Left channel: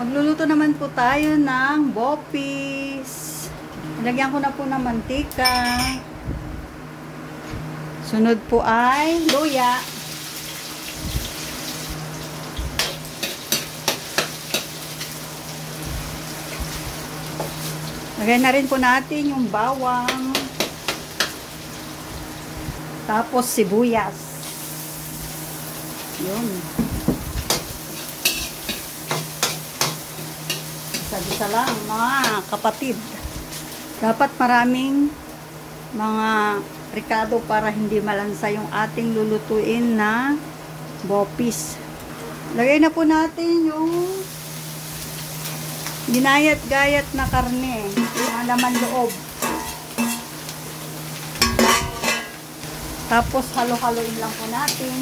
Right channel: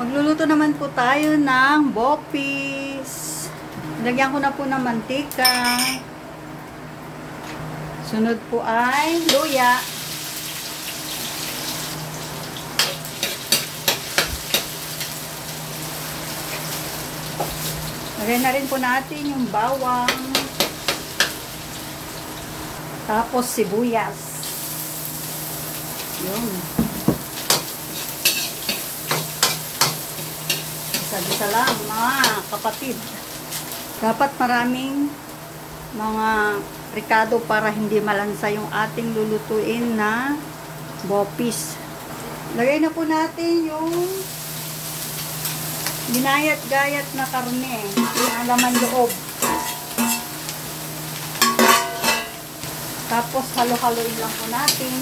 Magluluto naman po tayo ng bopis. Lagyan ko na po ng mantika. Sunod po ay luya. Lagyan na rin po natin yung bawang. Tapos sibuyas. Yun. Isa-isa lang mga kapatid. Dapat maraming mga ricado para hindi malansa yung ating lulutuin na bopis. Lagay na po natin yung ginayat-gayat na karne, yung laman loob. Tapos halo-haloin lang po natin.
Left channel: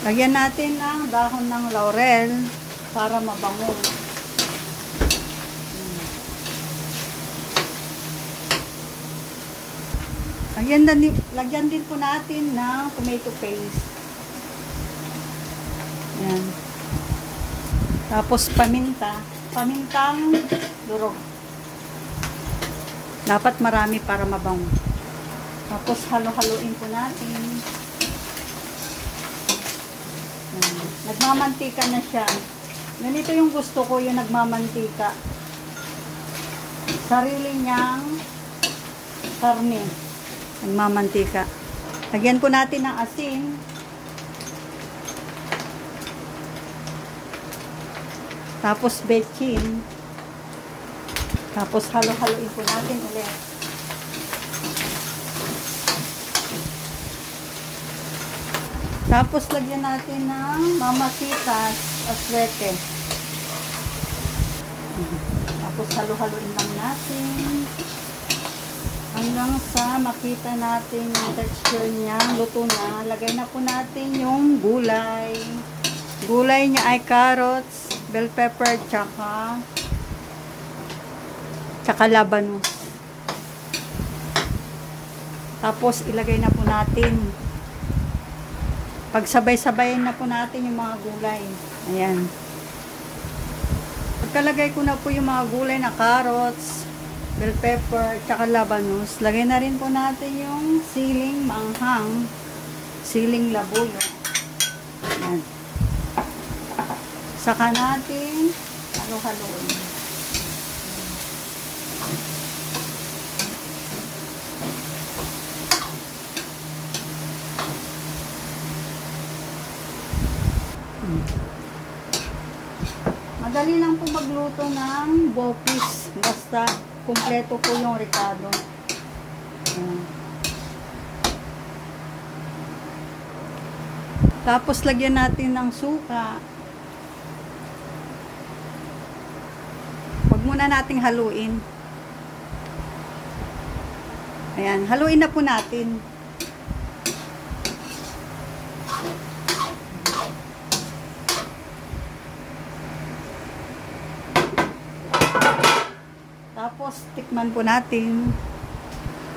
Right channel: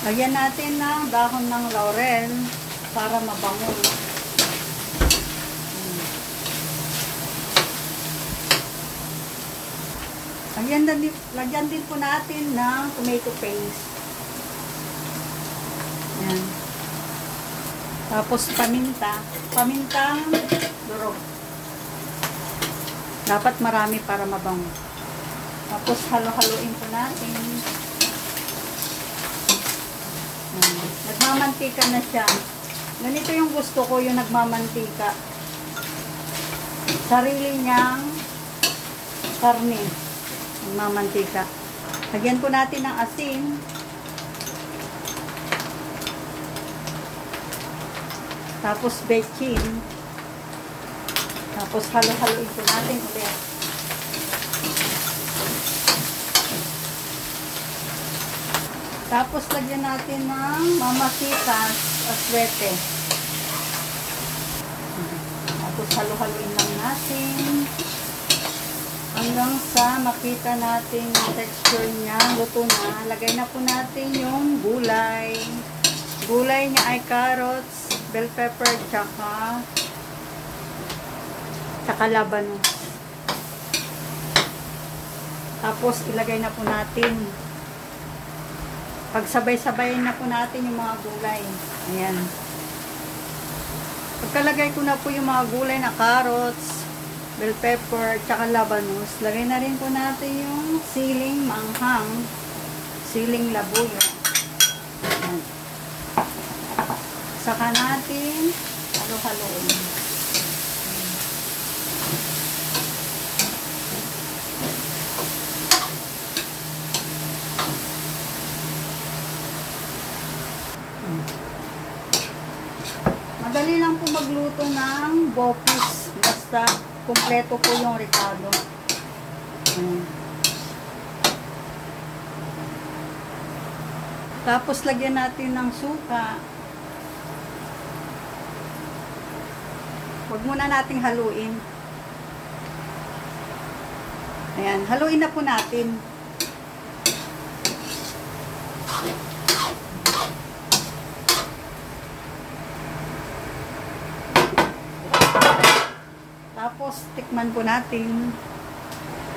Lagyan natin ng dahon ng laurel para mabango. Lagyan din po natin ng tomato paste. Yan. Tapos pamintang durog. Dapat marami para mabango. Tapos halo-haloin po natin. Nagmamantika na siya. Ganito yung gusto ko, yung nagmamantika. Sarili niyang karne. Nagmamantika. Lagyan po natin ng asin. Tapos bechin. Tapos halo-haloin po natin ulit. Tapos lagyan natin ng mamasitas aswete. Tapos halo-haloin lang natin hanggang sa makita natin yung texture niya, luto na. Lagay na po natin yung gulay. Gulay niya ay carrots, bell pepper, tsaka labanos. Tapos ilagay na po natin. Pagsabay-sabayin na po natin yung mga gulay. Ayan. Pagkalagay ko na po yung mga gulay na carrots, bell pepper, tsaka labanos. Lagay na rin po natin yung siling manghang, siling labuyo. Ayan. Saka natin halo-haloin. Madali lang po magluto ng bopis. Basta kumpleto po yung ricado. Tapos lagyan natin ng suka. Huwag muna nating haluin. Ayan, haluin na po natin. Tapos, tikman po natin.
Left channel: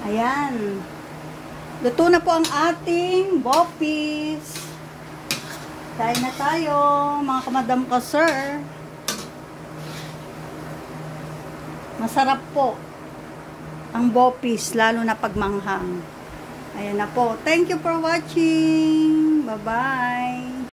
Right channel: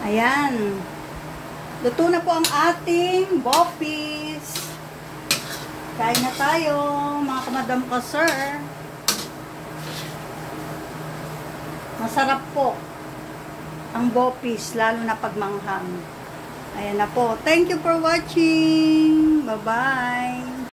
Ayan. Luto na po ang ating bopis. Kain na tayo, mga kamadam ko, sir. Masarap po ang bopis, lalo na pagmanghang. Ayan na po. Thank you for watching. Bye-bye.